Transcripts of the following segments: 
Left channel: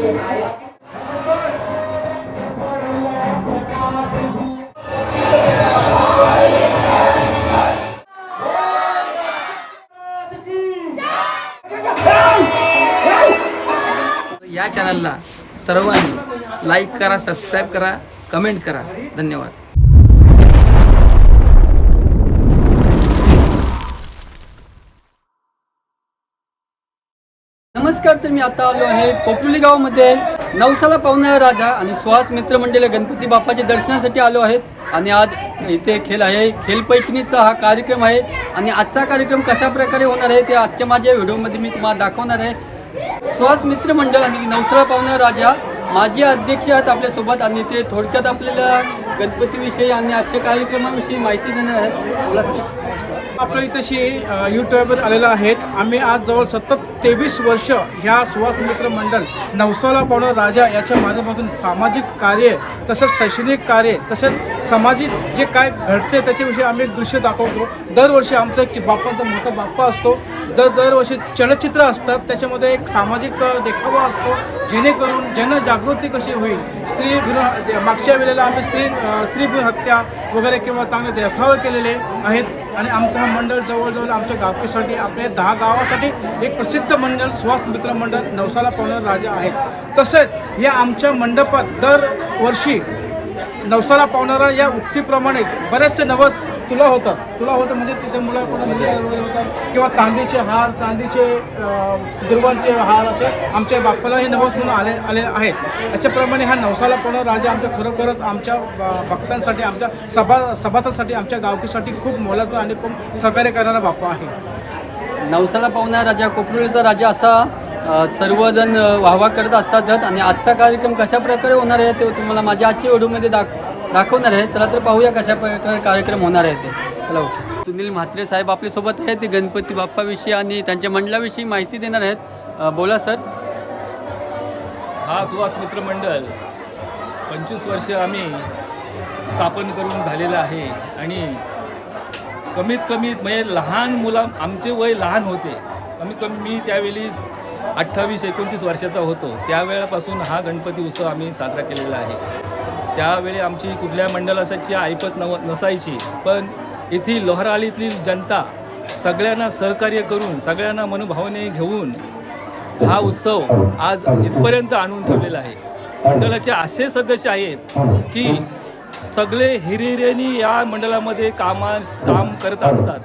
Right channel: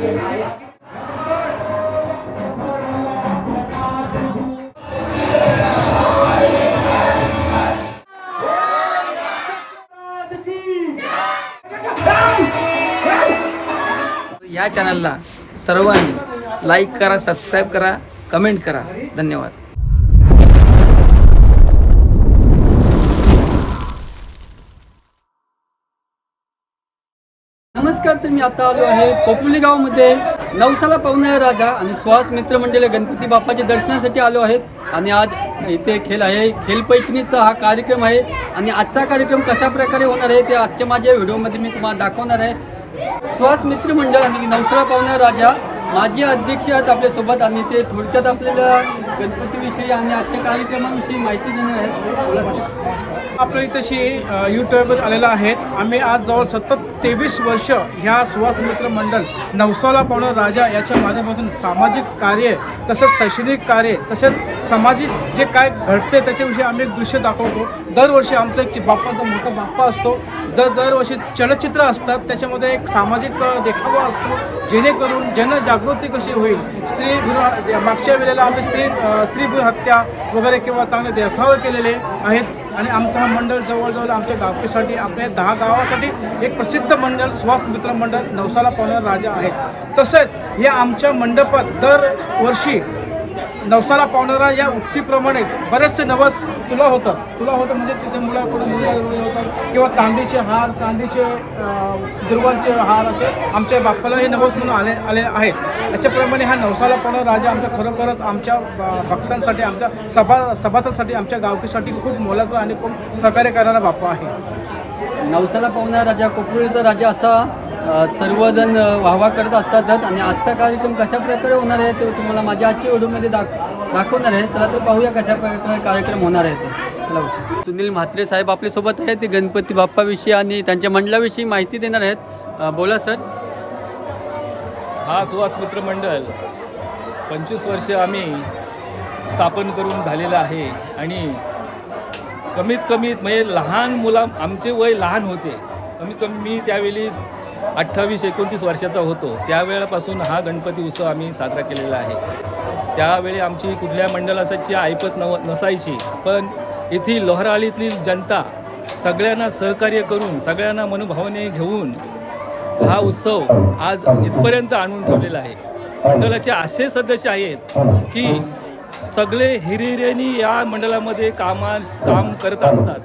या चॅनलला सर्वांनी लाईक करा, सबस्क्राईब करा, कमेंट करा. धन्यवाद. नमस्कार. तर मी आता आलो आहे कोपरुली गावामध्ये नवसाला पावणारा राजा आणि सुहास मित्रमंडळ गणपती बाप्पाच्या दर्शनासाठी आलो आहेत. आणि आज इथे खेळ आहे, खेळपैठणीचा हा कार्यक्रम आहे. आणि आजचा कार्यक्रम कशा प्रकारे होणार आहे ते आजच्या माझ्या व्हिडिओमध्ये मी तुम्हाला दाखवणार आहे. सुहास मित्रमंडळ आणि नवसाला पावणारा राजा माजी अध्यक्ष आहेत आपल्यासोबत आणि ते थोडक्यात आपल्याला गणपतीविषयी आणि आजच्या कार्यक्रमाविषयी माहिती देणार आहेत. बोला. आपल्या इथंशी यूट्यूबवर आलेला आहेत. आम्ही आज जवळ सतत 23 वर्ष ह्या सुहास मित्र मंडळ नवसाला पावणारा राजा याच्या माध्यमातून सामाजिक कार्य तसंच शैक्षणिक कार्य तसेच सामाजिक जे काय घडते त्याच्याविषयी आम्ही एक दृश्य दाखवतो. दरवर्षी आमचा एक बाप्पाचा मोठा बाप्पा असतो. दरवर्षी चलचित्र असतात, त्याच्यामध्ये एक सामाजिक देखावा असतो जेणेकरून जनजागृती कशी होईल. स्त्री भ्रूण मागच्या वेळेला आम्ही स्त्री भ्रूण हत्या वगैरे किंवा चांगले देखावे केलेले आहेत. आणि आमचं हा मंडळ जवळजवळ आमच्या गावकीसाठी आपल्या 10 गावासाठी एक प्रसिद्ध मंडळ सुहास मित्र मंडळ नवसाला पावणारा राजा आहे. तसेच या आमच्या मंडपात दरवर्षी नवसाला पावणारा या उक्तीप्रमाणे बरेचसे नवस तुला होतं म्हणजे तिथे मुलाकडून मुलगा वगैरे होतात किंवा चांदीचे हार, चांदीचे दुर्वांचे हार असे आमच्या बाप्पाला हे नवस म्हणून आले आहेत. याच्याप्रमाणे हा नवसाला पावणारा राजा आमच्या खरोखरच आमच्या भक्तांसाठी, आमच्या सभासदांसाठी, आमच्या गावकीसाठी खूप मोलाचा आणि खूप सहकार्य करणारा बाप्पा आहे. नवसाला पावणारा राजा, कोपरुलीचा राजा असा सर्वजण वाहवा करत असतातच. आणि आजचा कार्यक्रम कशा प्रकारे होणार आहे ते तुम्हाला माझ्या आजच्या व्हिडिओमध्ये दाखवणार आहे. चला तर पाहूया कशा प्रकारे कार्यक्रम होणार आहे ते. चला. सुनील म्हात्रे साहेब आपल्यासोबत आहेत. ते गणपती बाप्पाविषयी आणि त्यांच्या मंडळाविषयी माहिती देणार आहेत. बोला सर. हा सुहास मित्र मंडळ 25 वर्ष आम्ही स्थापन करून झालेलं आहे. आणि कमीत म्हणजे लहान मुलं, आमचे वय लहान होते. कमीत कमी मी त्यावेळी 28-29 वर्षाचा होतो. त्यावेळेपासून हा गणपती उत्सव आम्ही साजरा केलेला आहे. त्यावेळी आमची कुठल्या मंडळाची ऐपत नसायची, पण येथील लोहराळीतील जनता सगळ्यांना सहकार्य करून, सगळ्यांना मनोभावने घेऊन हा उत्सव आज इथपर्यंत आणून ठेवलेला आहे. मंडळाचे असे सदस्य आहेत की सगळे हिरिहिऱ्यांनी या मंडळामध्ये काम करत असतात.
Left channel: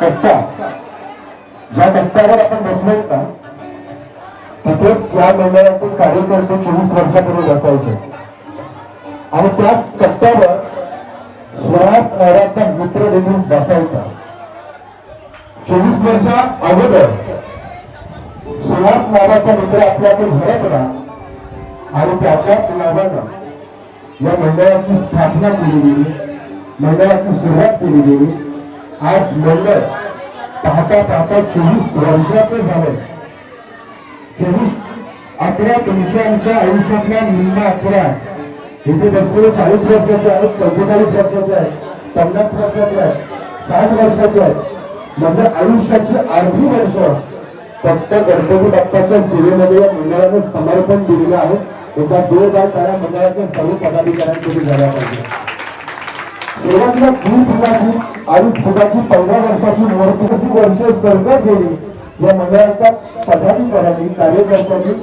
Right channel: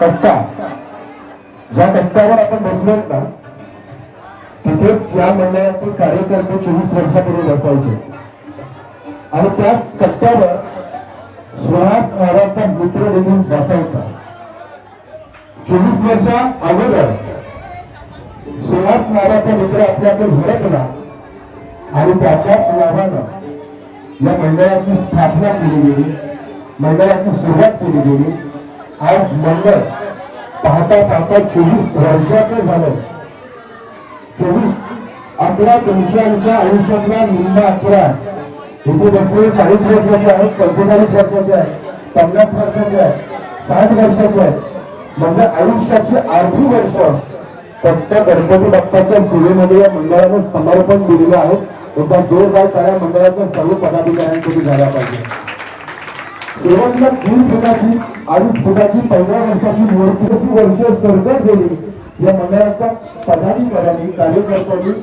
कट्टा ज्या कट्ट्यावर आपण बसलोत ना तिथेच या मंडळाचे कार्यकर्ते 24 वर्षापूर्वी बसायचे. आणि त्याच कट्ट्यावर सुहास नावाचा मित्र देखील बसायचा. 24 वर्षा अगोदर सुहास नावाचा मित्र आपल्याकडे भेटला आणि त्याच्याच नावानं या मंडळाची स्थापना केली गेली, मंडळाची सुरुवात केली गेली. आज मंडळ पाहता 24 वर्षाचं झालं. 24-11 तुमच्या आमच्या आयुष्यातल्या निम्मा 11 इथे बसलेले 40 वर्षाचे आहेत, 45 वर्षाचे आहेत, 50 वर्षाचे आहेत, 60 वर्षाचे आहेत. म्हणजे आयुष्याची अर्धी वर्ष फक्त गणपती बाप्पाच्या सेवेमध्ये या मंडळाने समर्पण दिलेलं आहे. एकदा जोरदार टाळ्या मंडळाच्या सर्व पदाधिकाऱ्यांसाठी झाला पाहिजे. सुरुवातीला 3 फुटाची आणि फुटाची 15 वर्षाची मूर्ती 30 वर्ष सरकार गेली. या मंडळाच्या पदाधिकाऱ्यांनी, कार्यकर्त्यांनी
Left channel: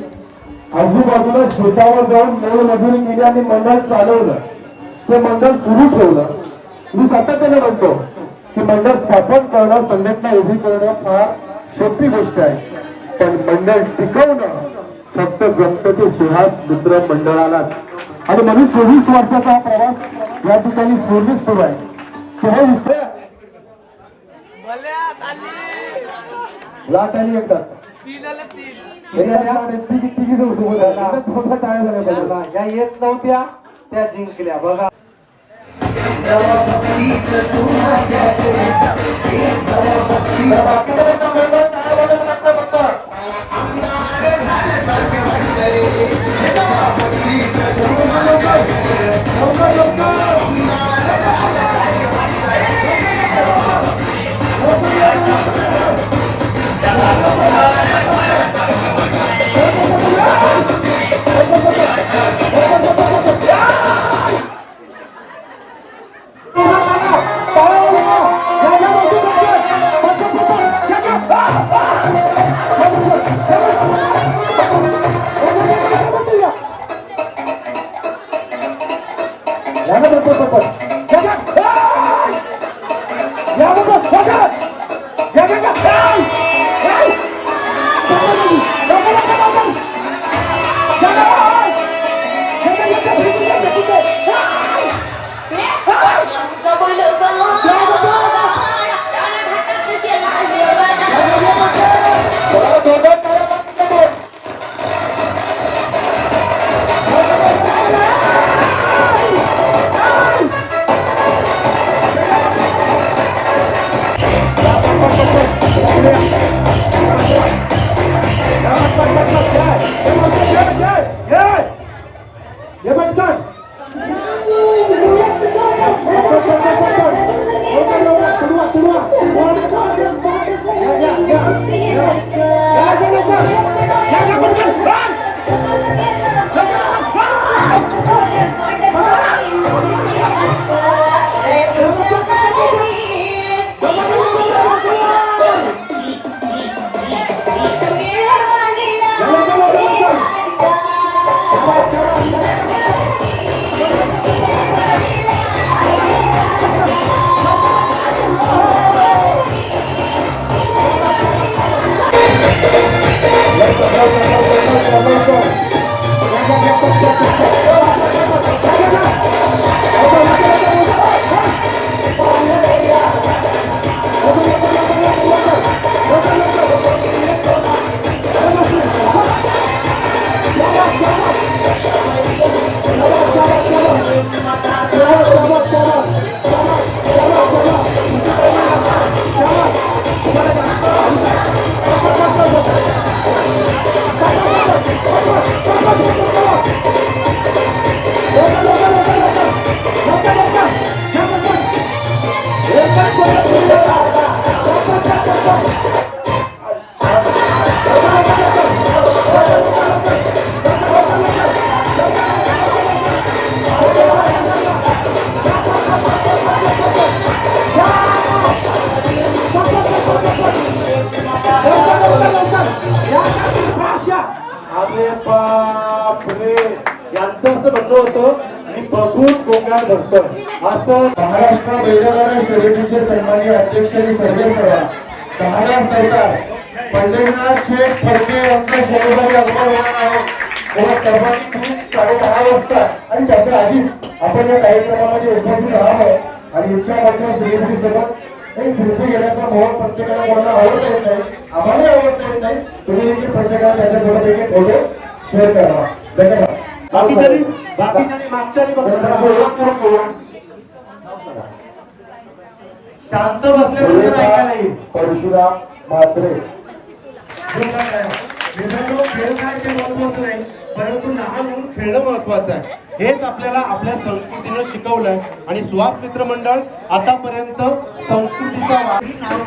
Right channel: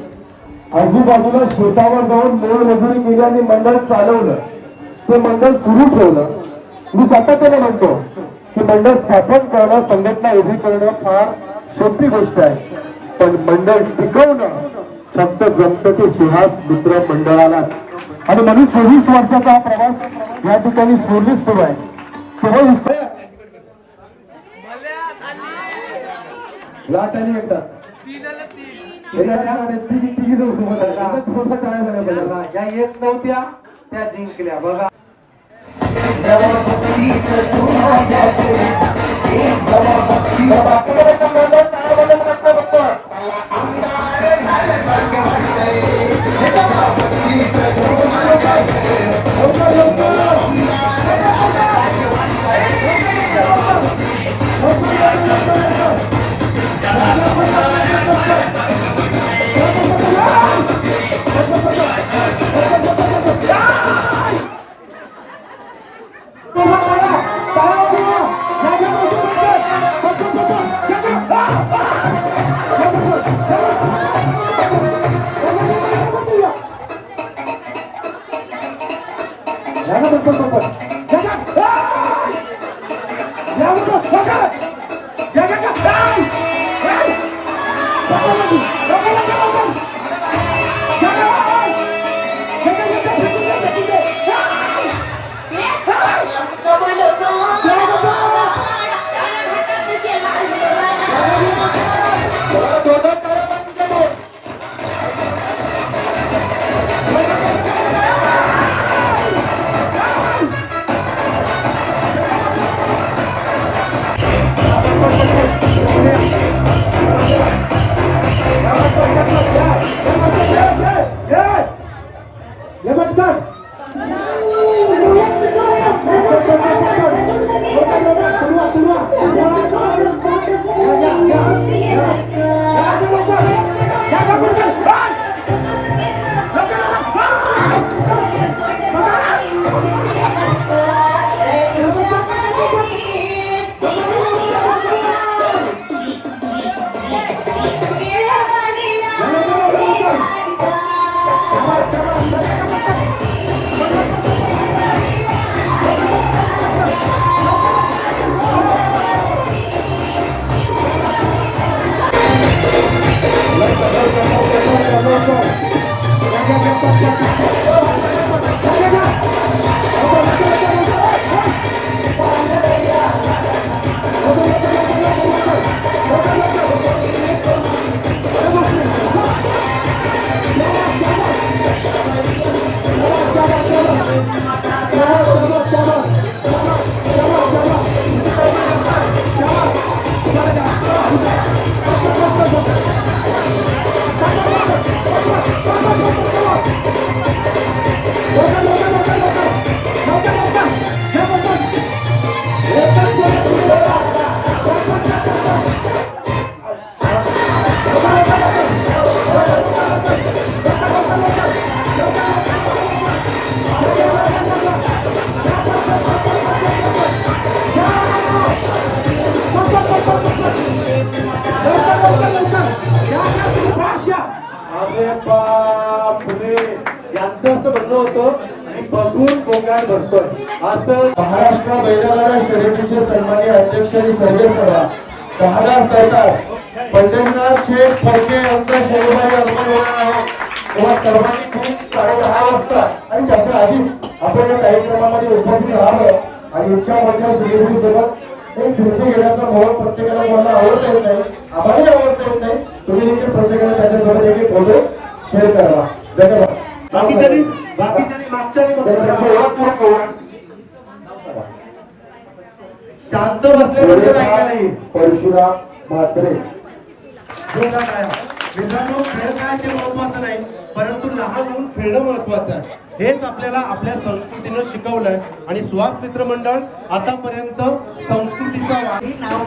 आजूबाजूला शेतावर जाऊन मोलमजुरी केली आणि मंडळ चालवलं. ते मंडळ सुरू ठेवलं. मी सातत्याने म्हणतो की मंडळ स्थापन करणं, संघटना उभी करणं फार सोपी गोष्ट आहे, पण मंडळ टिकवणं फक्त जमतं ते सुहास मित्र मंडळालाच. आणि म्हणून 24 वर्षाचा प्रवास या ठिकाणी सुरू आहे. लाट आली एकदाच ज्या येत नव्हत्या त्या जिंकल्या. बघा याला बरोबर सोबत महाराष्ट्र बैलगाडा शर्यतीचे सन्माननीय अध्यक्ष आणि सर्वेसर्वा महाराष्ट्र सरकार पंढरीनाथ शेठ फडके यांचा जन्मदिन अंगणवाडी आहे व सर्वांनी खूप 10:30 वाजता आणि त्याच्या आधीच आपण या कार्यक्रमामध्ये उपस्थित राहावं आणि इतक्या मोठ्या सेलिब्रिटीसोबत एक सेल्फी घेण्याचा मोह प्रत्येकाला मला आवडता येत नाही, आम्हालाही आवडता येत नाही. तुम्ही देखील प्रत्येकाला त्याच्यासोबत एक फोटो शेअर करा. धन्यवाद. बाकीच्यानी शांत बसल्यानंतर ऐका नाही. परशुराम म्हात्रे मित्रांनो, खेळ काय ते महत्वाचं नाही, परंतु लहान मुलं खेळणं महत्वाचं आहे. हेच आपल्याला आपल्या संस्कृतीनं शिकवलंय आणि सुहास मित्र मंडळ आतापर्यंत संस्कृतीचा नाव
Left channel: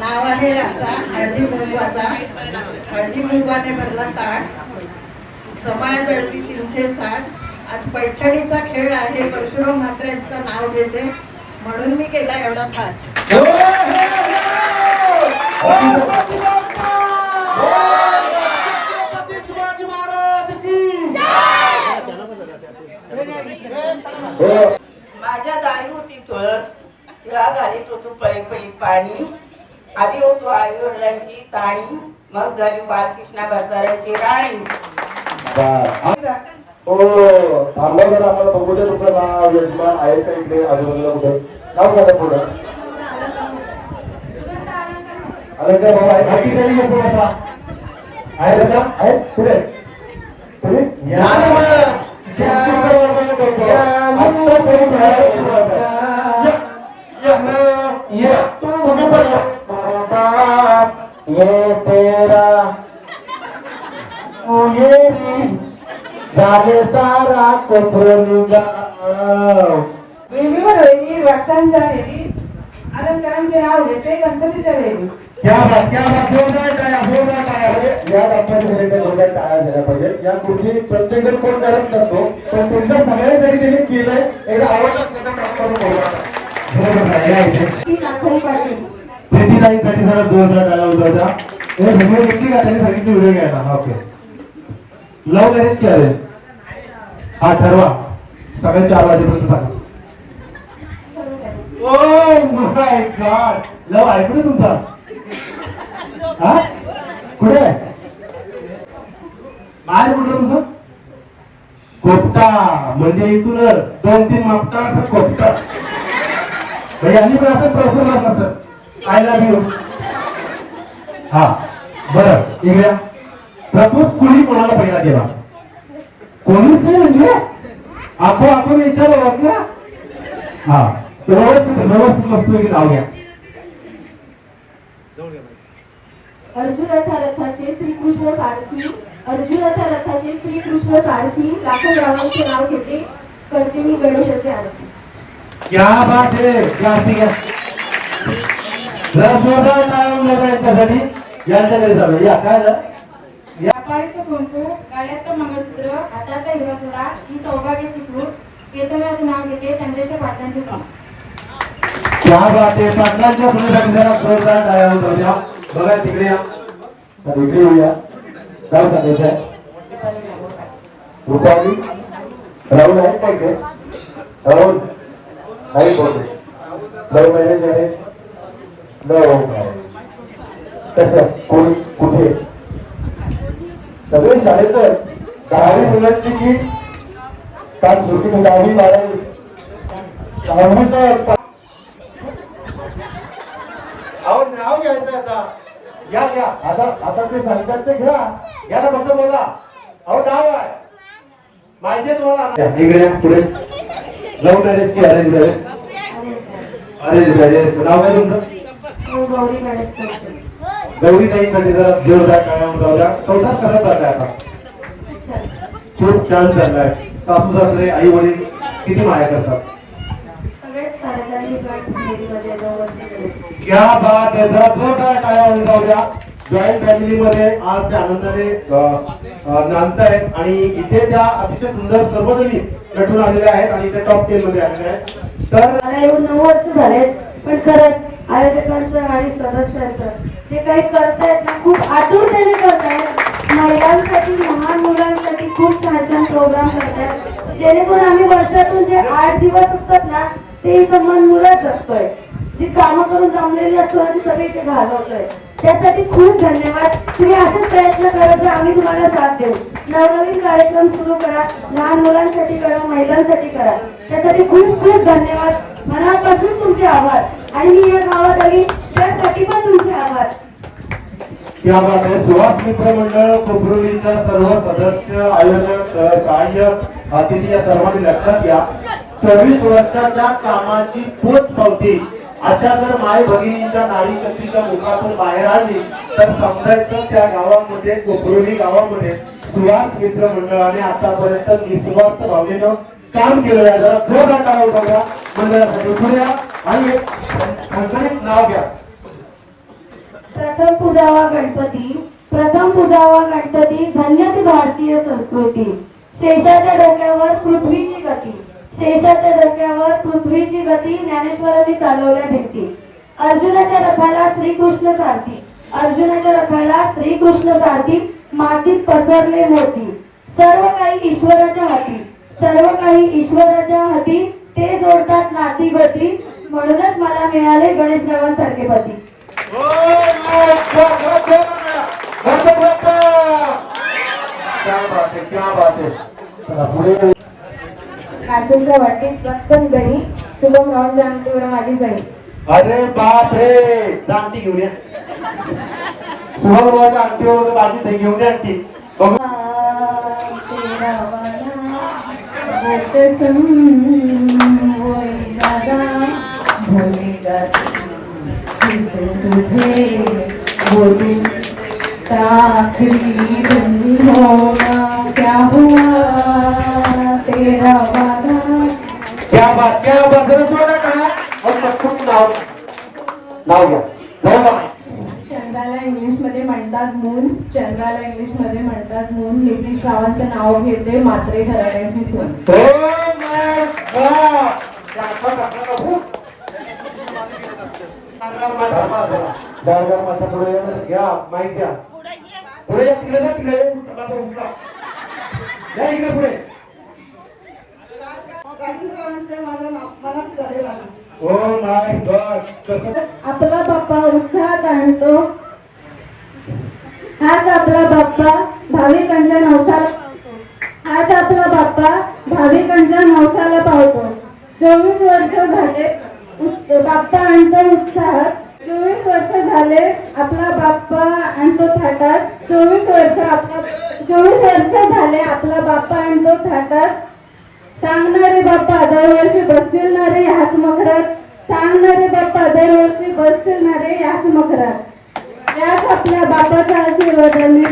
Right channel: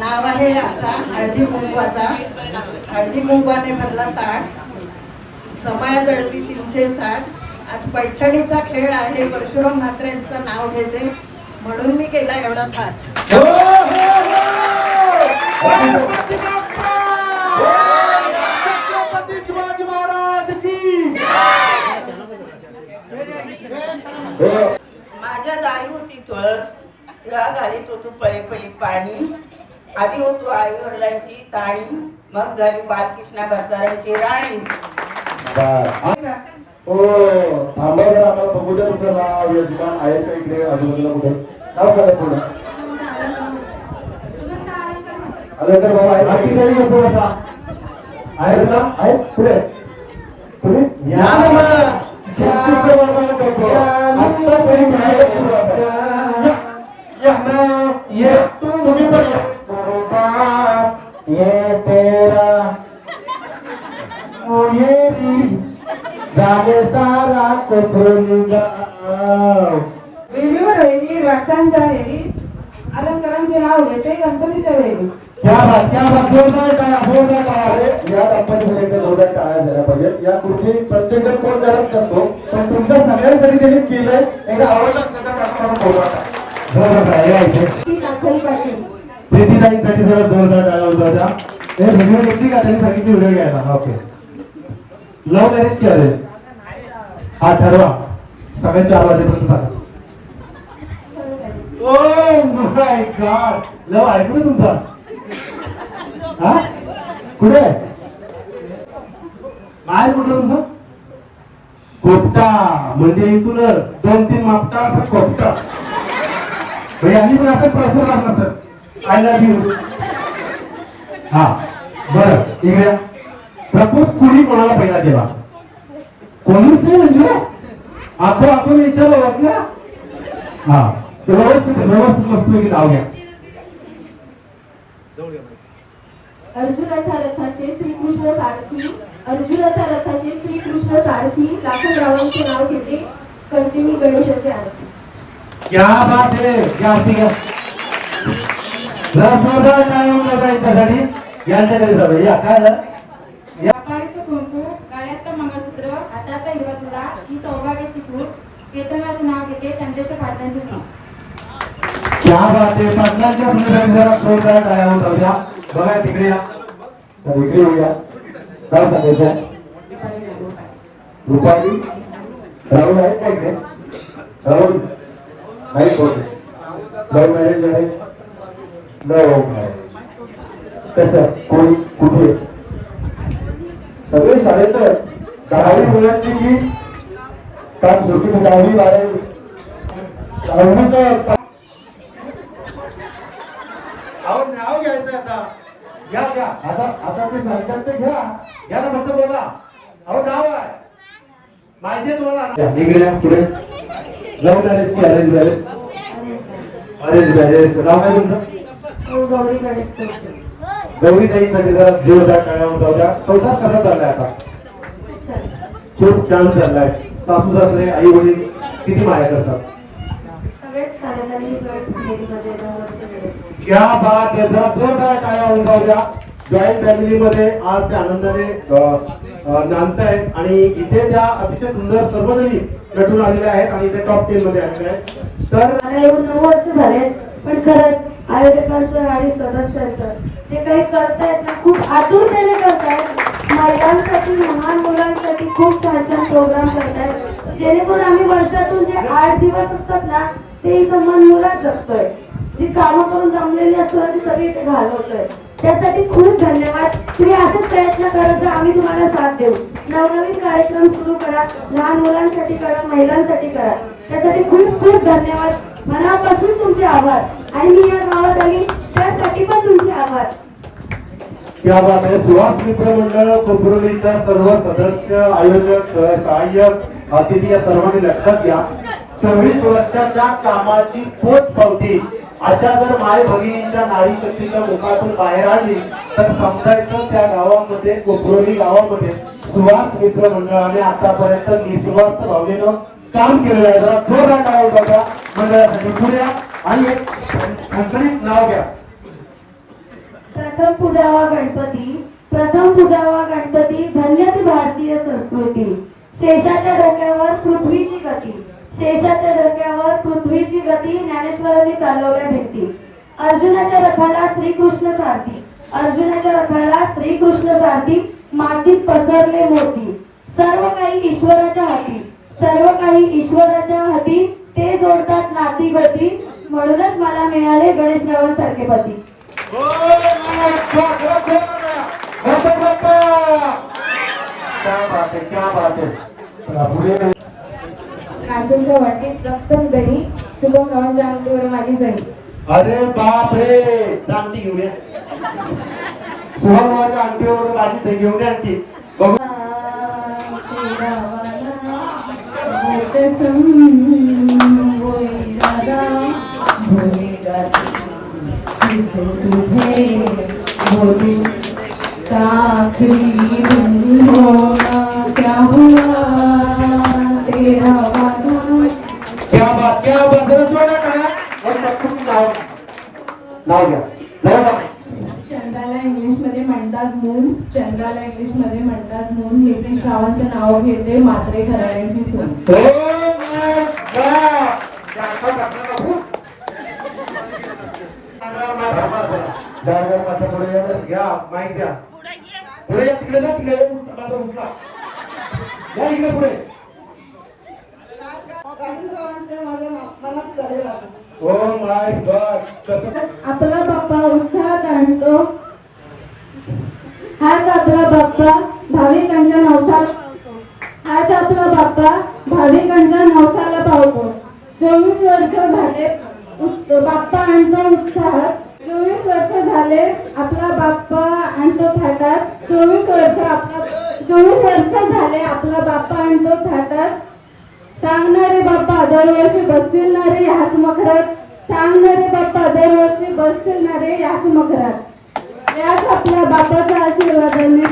नाव आहे रासा हळदी कुंकवाचा. हळदी कुंकवाने भरला ताट, समाय जळती 360. आज पैठणीचा खेळ आहे. परशुराम म्हात्रे यांचं नाव घेते म्हणून मी केला एवढा थाट. शिवाजी महाराज की माझ्या दारी होती तुळस, तिला घालीत होतो पळी पाणी. आधी होतो आई वडिलांची ताणी, मग झाली बालकृष्णा भरतारांची राणी. हो थांबा बरं, आम्हाला बघू द्या तुमचं नाव यजमान आहे का इकडे आजूबाजूला कुठे? नाव सांगा पुढे. अलंकार बाबा आहे ना? आहे पुढे पुढे या ये तुम्ही पण ये तेरा ये झाले सारा कोकणी वेळीवर वेळी वटसांच्या वेळी अलंकारांचे नाव घेते गणपतीच्या वेळी. क्या बात जोरदार काय या दाखवायचे जोरदार टाळ्या द्यायला पाहिजे. या कुठे प्रत्येक जण कोण करत नसतो, पण तुमच्या सगळ्यांसाठी त्यांनी केलंय. एकदा आवडला प्रीतीताईंसाठी जरा जोरदार टाळ्या होता. हे व्हिडिओ घेतली का? त्यांनी सांगितली व्हिडिओ घ्यायला. ओके. लव्ह मॅरेज की अरेंज? हा ठरवा. सगळे 4 वाजेपर्यंत सांगा. ओ माय गॉड, लव ऐकू तुमचा. हा कुठे माय कुठं तुमचं? कोपटा, म्हणजे इथून 2-3 मापटा असं कोपटा. म्हणजे आम्ही पण असं प्रॉपर मारला सर. I love you. हा बरं ठीक आहे. प्रपोज कुणी कोणाला पहिला केला? कोणीच नाही म्हणजे आपण विचारलं बघ ना. हा व्यवस्थित मस्त की नाव घ्या. अर्जुनाच्या रथाचे श्रीकृष्ण सारथी, अर्जुनाच्या रथाचे श्रीकृष्ण सारथी, लाखो रावणांचे नाव घेते, करते मी गणेशाची आरती. क्या बात है, क्या ठीक आहे. जोरदार टाळ्या वाजवा यांच्यासाठी. यांच्याकडे जाऊ या. काय झालं? व्यापारीचं कुंकू, गळ्यातलं मंगळसूत्र, हातातला हिरवा चुडा, ही सौभाग्याची फ्रूट, केतनाचं नाव घेते, चंद्रेच्या पाटलांचे नाव. क्या बात आहे. पाटलांच्या सुनेसाठी जरा जोरदार टाळ्या वाजवा द्या. बघा तिकडे या. तर इकडे येऊया. काय सांगायचं आहे? उतारी राहुल आहे का इकडे? राहुल नाही बोलतो. लव मॅरेज आहे. लव कसं कोणी कुठे? सगळे शाळेतच 10वी मुलांची की काल सुट्टी 10वी 12वी 10वी तर नाव घ्यायचं आता. घ्या घ्या. आता ते सांगतात ते घ्या. घ्या ना फक्त बघा. अहो नाव आहे माहिती आहे तुम्हाला. इकडे या, पुढे. लव्ह मॅरेज की अरेंज मॅरेज? Arrange marriage. नाव काय तुमचं? गौरी गणेश करते. गौरी ताईसाठी जरा जोरदार टाळ्या वाजवा द्या. संसार कसा चाललाय आता? खूप छान चाललाय. सासू सासरे आई वडील किती माया करतात? सगळेच शाळेसाठी जॉईंट फॅमिलीमध्ये 2 वर्ष गेले. क्या बात आहे. जरा जोरदार टाळ्या वाजवा द्या. जॉईंट फॅमिलीमध्ये आज ते आनंदाने नांदतायत आणि इथे त्या अतिशय सुंदर सर्वजणी नटून आलेल्या आहेत आणि ते टॉप 10 मध्ये आलेल्या आहेत. तर मला येऊन 9 वर्ष झालेत, पण खरंच आयोजकांचं आणि सदस्यांचं जे काही करतायत ना, खूप आतुरतेने करतायत. महिलांसाठी, लहान मुलांसाठी खूप छान छान प्रोग्राम करतायत, जेणेकरून आम्ही वर्षातून जे 8 दिवस असतात ना, ते इथं मन मुलात जगतोय. जी कामं करून जमलेली असतो ती सगळी इथे घालवतोय. त्यासाठी खूप धन्यवाद. तुम्ही असेच प्रयत्न करत जा, आम्ही तुम्हाला साथ देऊ. नवनवीन कार्यक्रम सुरू करा, लहान मुलांसाठी करा, महिलांसाठी करा. त्यासाठी खूप खूप धन्यवाद. मनापासून तुमचे आभार. आणि मी या गावात आली त्यासाठी पण तुमचे आभार. क्या बात आहे. सुहास मित्र मंडळ कोपरोलीच्या सर्व सदस्य, आयोजक, सहाय्यक, अतिथी या सर्वांनी लक्षात घ्या. 24 वर्षाच्या कामाची पोचपावती अशा जर माय भगिनींच्या नारी शक्तीच्या मुखातून बाहेर आली तर समजायचं त्या गावामध्ये, कोपरोली गावामध्ये सुहास मित्र मंडळाने आतापर्यंत निस्वार्थ भावनेनं काम केलेलं आहे. जरा जोरदार टाळ्या वाजवा मंडळासाठी. पुढे आणि एक खणखणीत नाव घ्या. प्रथम पूजावा गणपती, प्रथम पूजावा गणपती, धन्य ती भारतीय संस्कृती. शेषाच्या डोक्यावर पृथ्वीची गती, शेषाच्या डोक्यावर पृथ्वीची गती, ज्ञानेश्वरांनी चालवल्या भिंती. अर्जुनाच्या रथाला श्रीकृष्ण सारथी, अर्जुनाच्या रथाला श्रीकृष्ण सारथी, मातीत पसरले मोती. सर्व काही ईश्वराच्या हाती, सर्व काही ईश्वराच्या हाती, ते जोडतात नाती गती, म्हणूनच मला मिळाले गणेश रावांसारखे पती. कांचनच्या वाटेत चकचक दही, शुभम रावांच्या अंगठीवर माझी जणी. अरे बाप रे. जाणती घेऊन या. सुहामरावाच्या अंगठीवर माझी सही घेऊन या. आणखी बघू. तुझे बोली आखिरी दिन होना, क्या हुआ तेरा वादा. क्या बात, क्या बात. जरा जोरदार टाळ्या. और पटकन नाव घ्या. नाव घ्या. चंद्राला इंग्लिश मध्ये म्हणतात मून, चंद्राला इंग्लिश मध्ये म्हणतात मून. नितीश रावांचं नाव घेते मात्रे घराण्याची सून. घ्या माहिती द्या. पुढे तिकडे जा. तिकडे उठला. या इकडे पुढे. ओ माय गॉड कसं आपला बाप्पा उत्साहात आणतो. हाच आपला बाप्पा भाविकांच्या नवसाला पावतो. हाच आपला बाप्पा भाविकांच्या नवसाला पावतो. 24 वर्ष झाले बाप्पा आणतो उत्साहात. 24 वर्ष झाले आपला बाप्पा आणतो थाटात. 24 वर्ष झाले आपला बाप्पा आणतो थाटात. सांगणारे बाप्पा दरवर्षी बसशील ना रे ह्याच मखरात. सांगणारे बाप्पा दरवर्षी बसशील ना रे ह्याच मखरात. याच आपल्या बाप्पाच्या आशीर्वादाने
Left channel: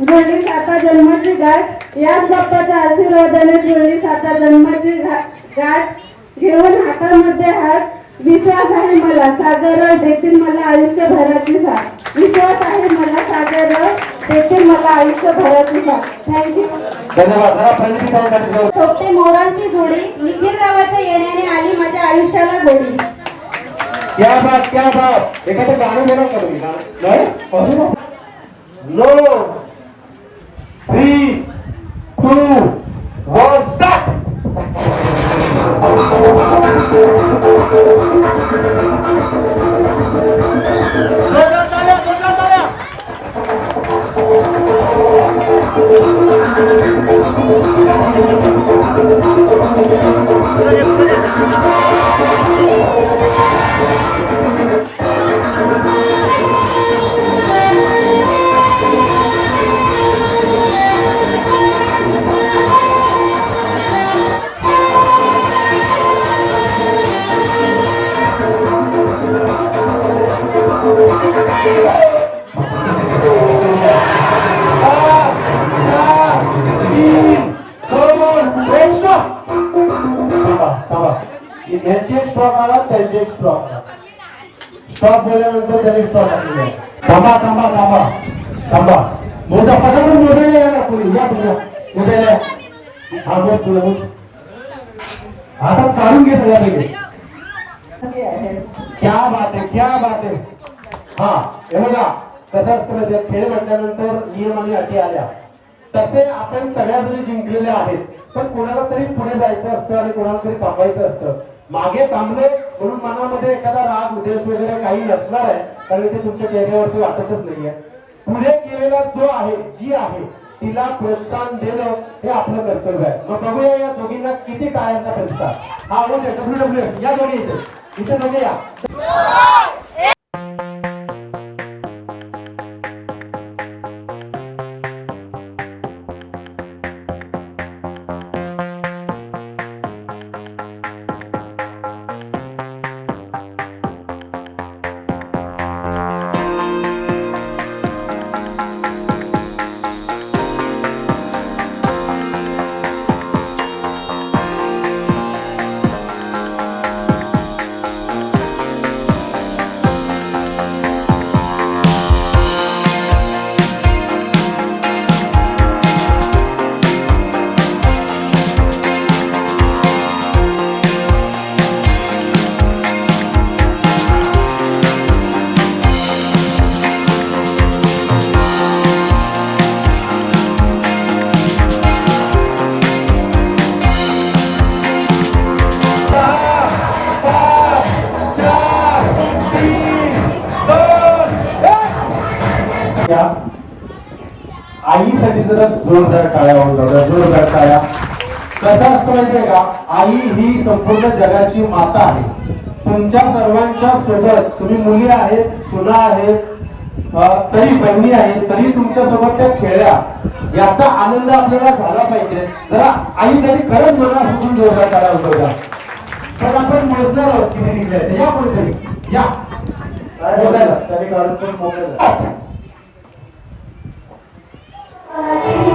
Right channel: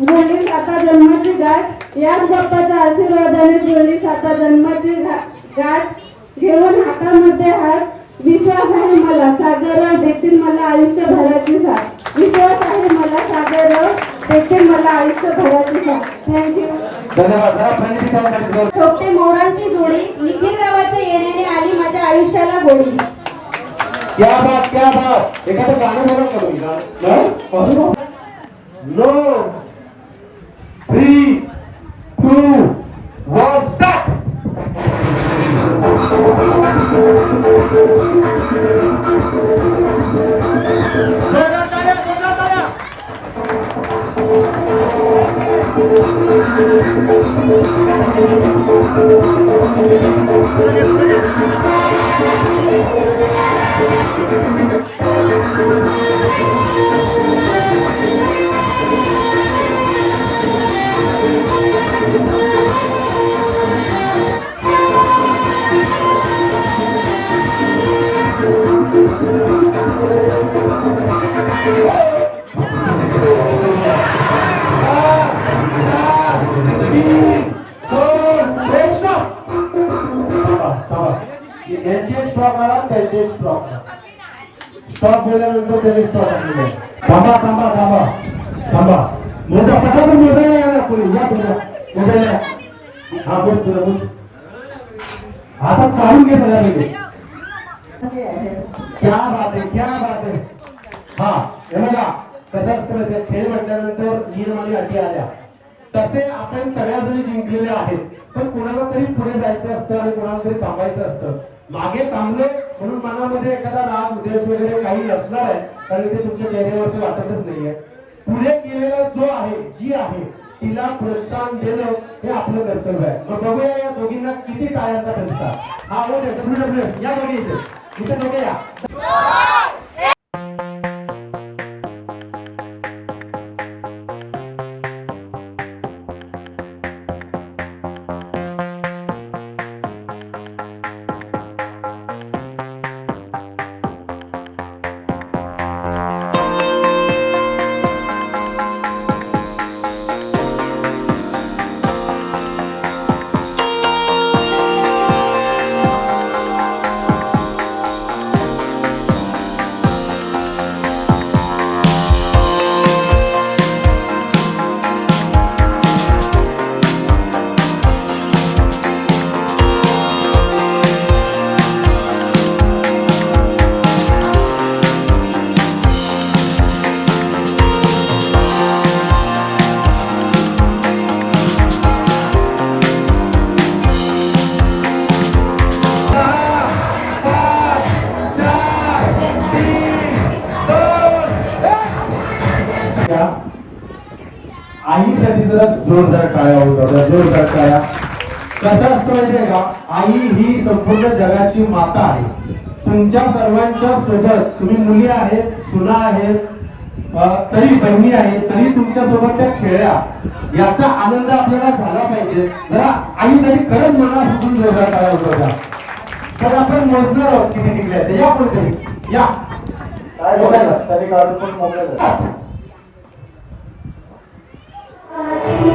जुळली 7 जन्माची गाठ. याच बाप्पाच्या आशीर्वादाने जुळली 7 जन्माची गाठ. घेऊन हातामध्ये हात विश्वास आहे मला सागर देतील मला आयुष्यभराची साथ. विश्वास आहे मला सागर देतील मला आयुष्यभराची साथ. थँक्यू. धन्यवाद. जरा फ्रंटची काय म्हणतो छोटे मोरांची जोडी निखिल रावाच्या येण्याने आली माझ्या आयुष्याला गोडी. क्या बात एखादं गाणं बोला का तुम्ही नो 3 2 1 स्टार्ट. यांचे स्टॉक आला त्यांचे स्टॉक गेल्यानंतर त्याने स्टॉक आणले. थांबा मोजा पटापट मोजायला या ना कोणी या तुला मोजायला. हा बोल तुला बोल हातात काढून घे सगळ्या. क्या बात है. हा हे बघा कसं असतं माहिती खेळ म्हटल्यानंतर नियम आणि अटी आल्या तसे आपण सगळ्याजणी जिंकलेले आहेत. पण कोणाला तरी पुढे जायचं असतं आणि कोणाला तरी थांबायचं असतं. मागे थांबले म्हणून मनामध्ये एखादा राग उद्देश वगैरे काही नसणार आहे कारण ते तुमच्या चेहऱ्यावरती वाटतच नाहीये. पुढे गेलेला जो आहे जी आहे तिला प्रोत्साहन देणं हे आपलं कर्तव्य आहे. मग बघूया या दोघींना किती टाळ्यांचा प्रतिसाद. हा बोलतोय WWE या दोघी इथे दोघे या. आईसाठी जरा जोरदार टाळ्या होता. जोरदार टाळ्या. कसं असतं माहितीये का आई ही संपूर्ण जगाची माता आहे. तुमच्या सर्वांच्या सोबत तुम्ही मुली आहेत सुना आहेत तरी बहिणी आहेत तरी तुमच्या सोबत त्या खेळल्या याचा आनंद आपल्याला झाला पाहिजे. जरा आईसाठी खरंच मनापासून जोरदार टाळ्या होत्या. पण आपण मोजणार आहोत किती निघले ते. या कोणतरी या काय बोलायला तरी काढून पण मोकळे. Thank you.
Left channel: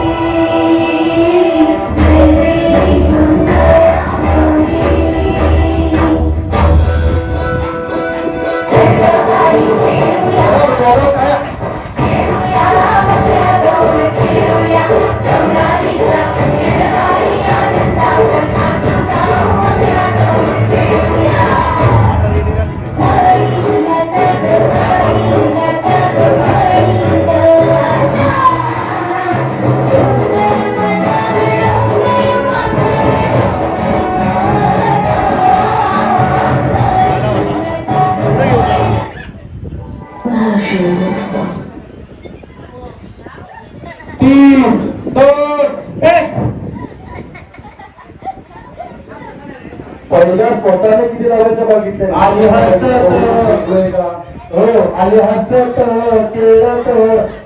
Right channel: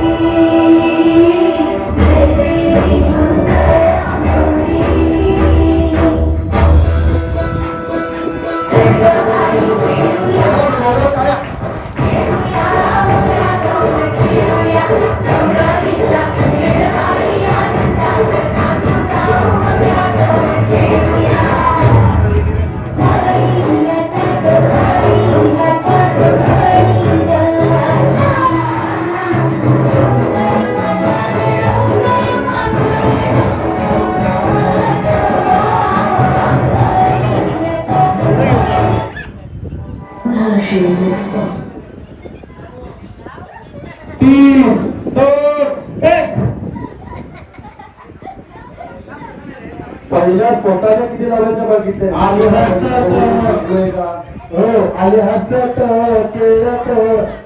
पहिला स्वतःने किती लावायचं बघितलं आले हसत हो आले हसत खेळत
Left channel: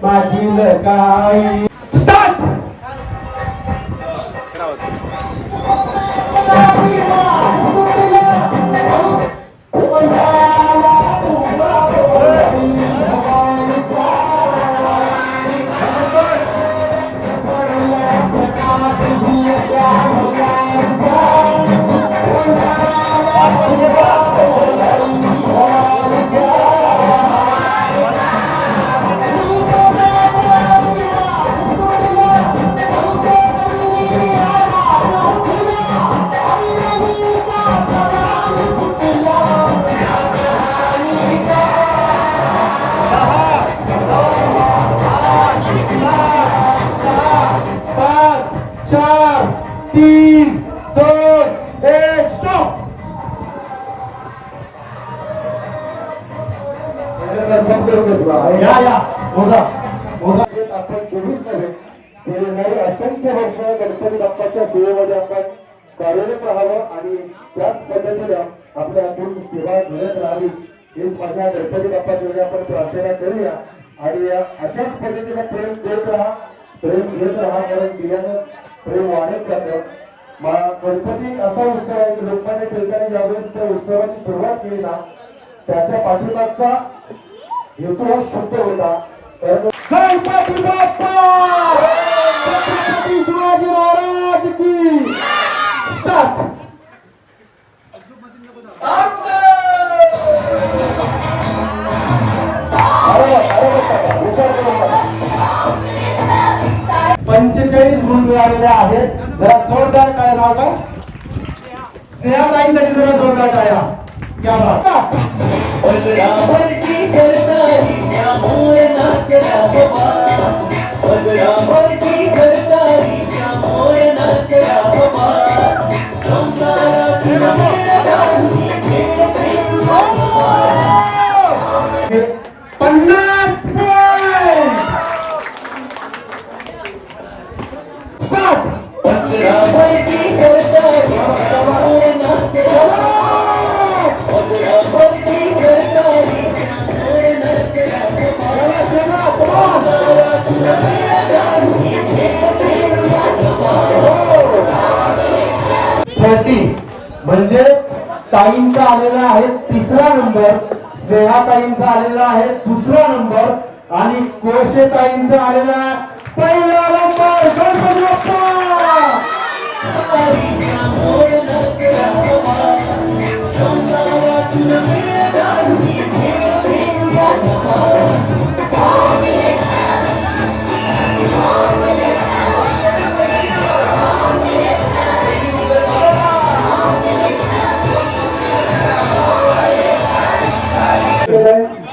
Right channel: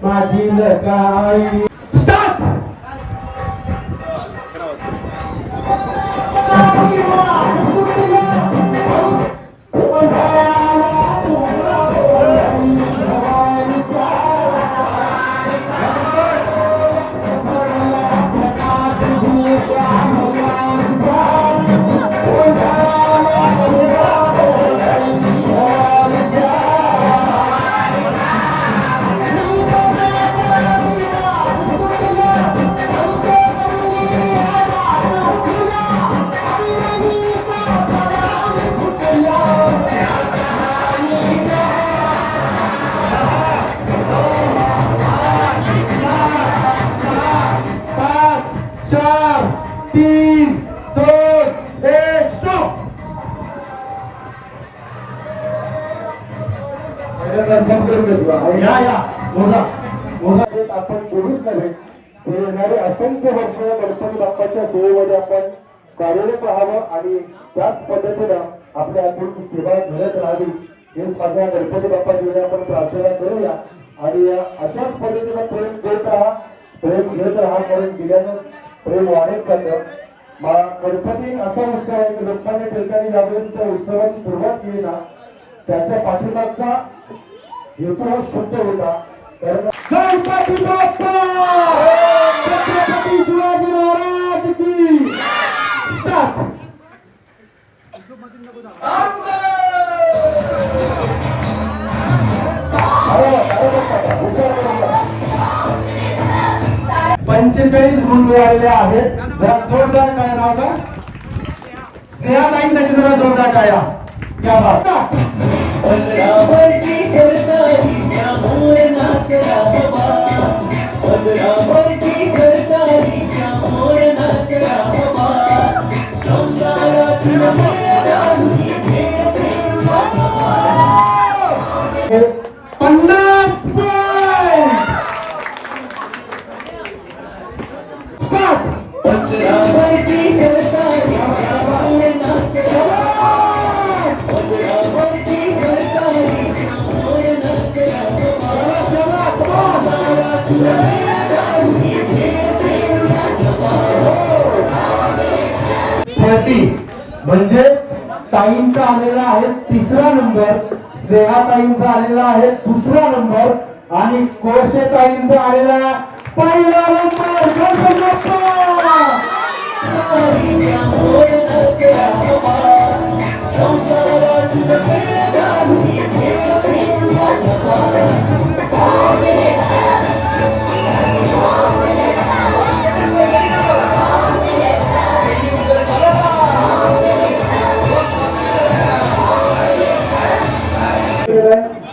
माझी लकाई स्टार्ट तीन दोन एक स्टॉप आपण 24 नव्हे हे येणारे असंख्य वर्ष गणपती बाप्पाच्या सेवेमध्ये आपण कार्यरत राहावं आणि त्याच पद्धतीनं आपल्या अजून सेवा घडत राहावी हेच माझ्या गणपती बाप्पाची आपण प्रार्थना करूया आणि अशाच पद्धतीनं प्रेम देत राहा प्रेम घेत राहा कारण दिल्यानं प्रेम वाढत जातं गणपती असा उत्सव आहे की लोकमान्य टिळकांनी ज्यावेळेस त्या उत्सवाची सुरुवात केली ना त्याच्या पाठीमागचा हेतू शुद्ध होता गणपती बाप्पा छत्रपती शिवाजी महाराज की स्टार्ट पंचेचाळीस गुण आलेले आहेत जरा जोरदार काय नाव का स्नेहाताईंसाठी जरा जोरदार टाळ्या क्या बात म्हणजे ताईंचा आलेला आहे 3रा नंबर स्नेहाताईंचा आलेला आहे 2रा नंबर आणि कोळशे ताईंचा आलेला आहे 1ला नंबर गणपती बाप्पा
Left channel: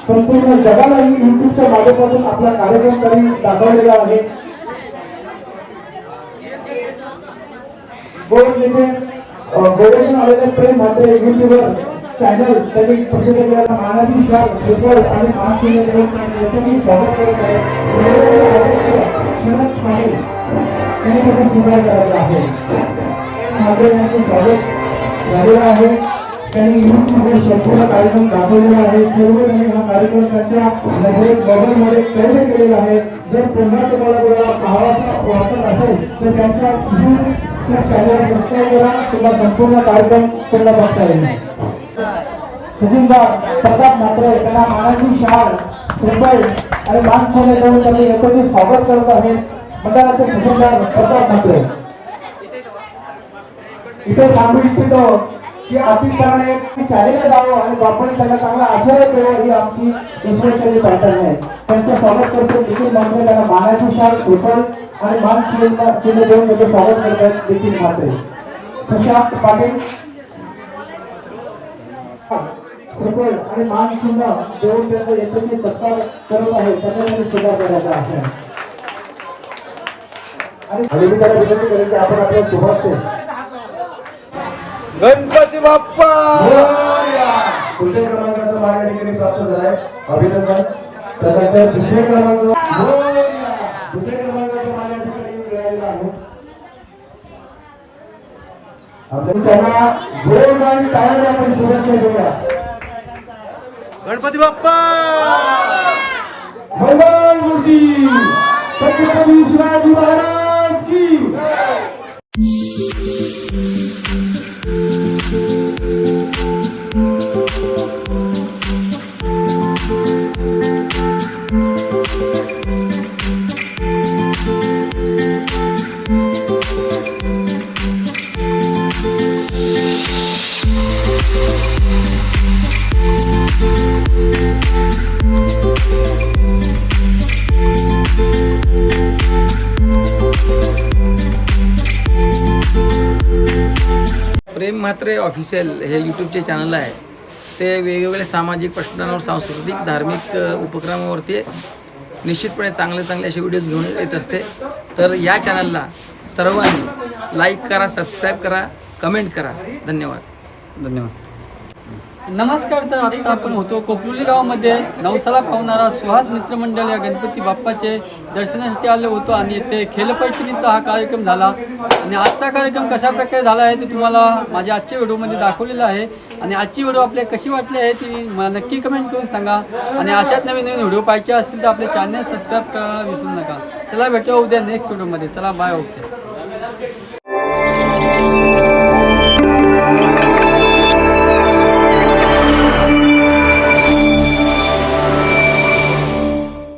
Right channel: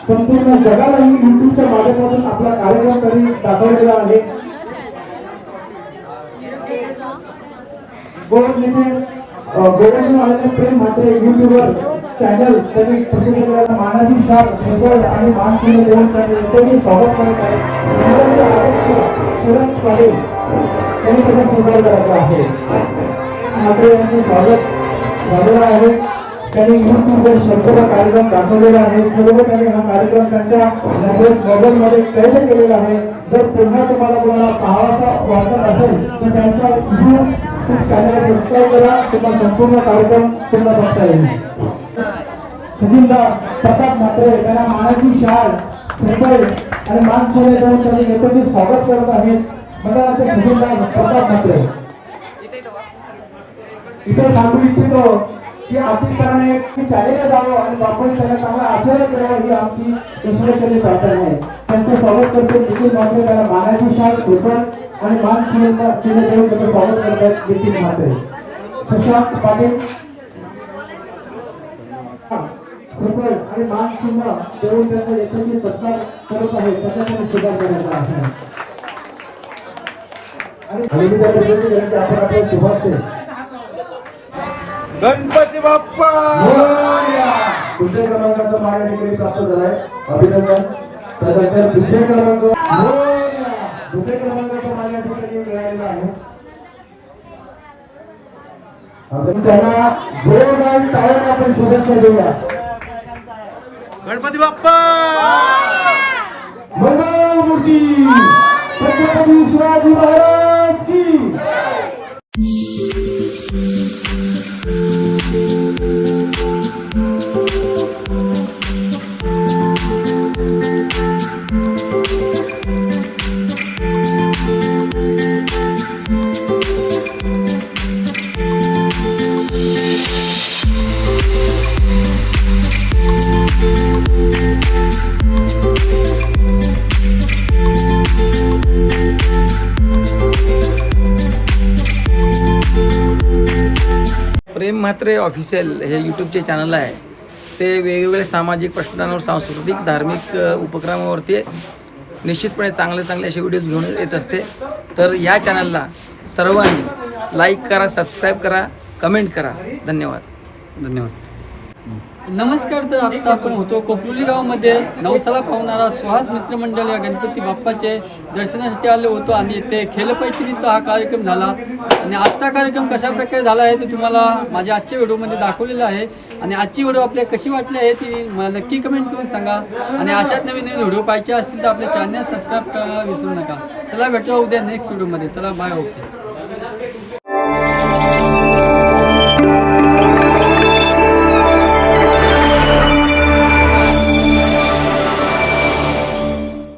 संपूर्ण जगाला युट्यूबच्या माध्यमातून आपला कार्यक्रम त्यांनी दाखवलेला आहे आलेले प्रेम मात्र युट्यूबवर चॅनल त्यांनी प्रसिद्ध मानाची शाल क्षेत्र आणि मान केले देऊन त्यांनी स्वागत करत आहे शरद पाटील त्यांनी त्यांनी सुंदर करायला आहे मात्र यांचे स्वागत झालेलं आहे त्यांनी युट्यूबवर शेवटचा कार्यक्रम दाखवलेला आहे सर्व त्यांनी हा कार्यक्रम त्यांच्या मोबाईलमध्ये कैद केलेला आहे जर पुन्हा तुम्हाला कोणाला पाहावासा वाटत असेल तर त्यांचा युट्यूब चॅनल सबस्क्राईब करा किंवा संपूर्ण कार्यक्रम पूर्ण बघता येईल खजिनदार प्रताप म्हात्रे त्यांना मानाची शाल श्रीफळ आणि मानचिन्ह देऊन त्यांनी गणपतीचे स्वागत करत आहेत मंडळाचे खजिनदार प्रताप म्हात्रे इथे सांगू इच्छितो की अतिस्थाने चालेला जावं आणि आपण त्यांना चांगला आशय द्यावा ही आमची ईश्वरचरणी प्रार्थना आहे त्यांचं स्वागत करतो देखील मात्र त्यांना मानाची शाल श्रीफळ आणि मानचिन्ह देऊन त्याचे स्वागत करतात देखील मात्र सुशांत पाटील श्रीफळ आणि मानचिन्ह देऊन त्यांचे यशस्वी सत्कार करत आहेत त्याच्यामध्ये स्वीकार करायचा आहे आणि आपण आपल्या शुभाशय गणपती बाप्पा पुढच्या क्रमांकाचा मान या ठिकाणी प्राप्त झालाय अभिनंदन त्यानंतर दुसऱ्या क्रमांकाचा मान या ठिकाणी मिळालेला आहे आपण त्यांना जोरदार टाळ्याने आपण शुभेच्छा देऊया. गणपती बाप्पा मंगलमूर्ती छत्रपती शिवाजी महाराज की. प्रेम म्हात्रे ऑफिशियल हे यूट्यूबचे चॅनल आहे. ते वेगवेगळ्या सामाजिक प्रश्नांवर, सांस्कृतिक, धार्मिक उपक्रमावरती निश्चितपणे चांगले असे व्हिडिओज घेऊन येत असते. तर या चॅनलला सर्वांनी लाईक करा, सबस्क्राईब करा, कमेंट करा. धन्यवाद. नमस्कार. तर आत्ता आपण होतो कोपरुली गावामध्ये नवसाला पावणारा सुहास मित्रमंडळ या गणपती बाप्पाचे दर्शनासाठी आलो होतो आणि इथे खेलपैठणीचा हा कार्यक्रम झाला. आणि आजचा कार्यक्रम कशा प्रकारे झाला आहे ते तुम्हाला माझ्या आजच्या व्हिडिओमध्ये दाखवलेला आहे. आणि आजची व्हिडिओ आपल्याला कशी वाटली आहे ती मला नक्की कमेंट करून सांगा. आणि अशाच नवीन व्हिडिओ पाहिजे असतील तर आपले चॅनल सबस्क्राईब करायला विसरू नका. चला भेटूया उद्या नेक्स्ट व्हिडिओमध्ये. चला बाय. ओके.